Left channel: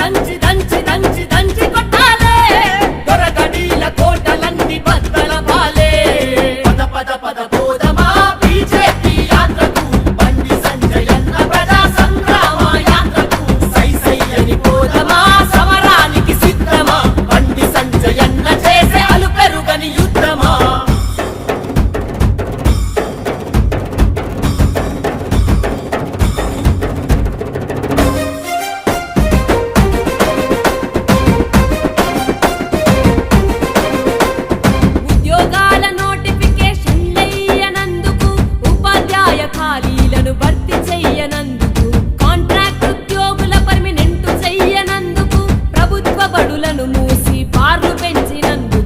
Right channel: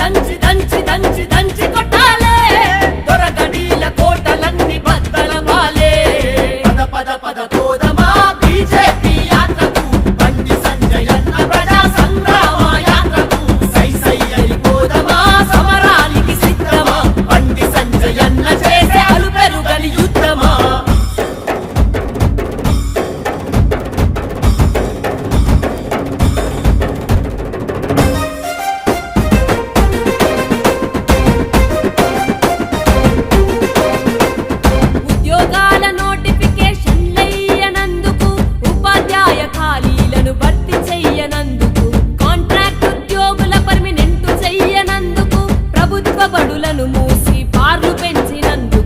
దంచి దంచి దంచి దంచి కొట్టాలే దొరగడీల కోటలన్నీ బద్దల పాలే పద పద పద పోదమా బీజేపీ యాత్రకు బండి సంజయన్న ప్రజా సంగ్రామ యాత్రకు సై సై అని పోదమా సమరానికి సిద్ధమా బండి సంజయన్న చేసే అలుపెరుగని యుద్ధమా ఉద్యోగాల నోటిఫికేషన్లయ్యనందుకు ఉపాధ్యాయ ఖాళీలను భర్తీ చెయ్యనందుకు కాంట్రాక్ట్ ఉద్యోగుల పర్మినెంట్ చెయ్యనందుకు ప్రభుత్వ బడులను మూసి బార్లు పెంచినందుకు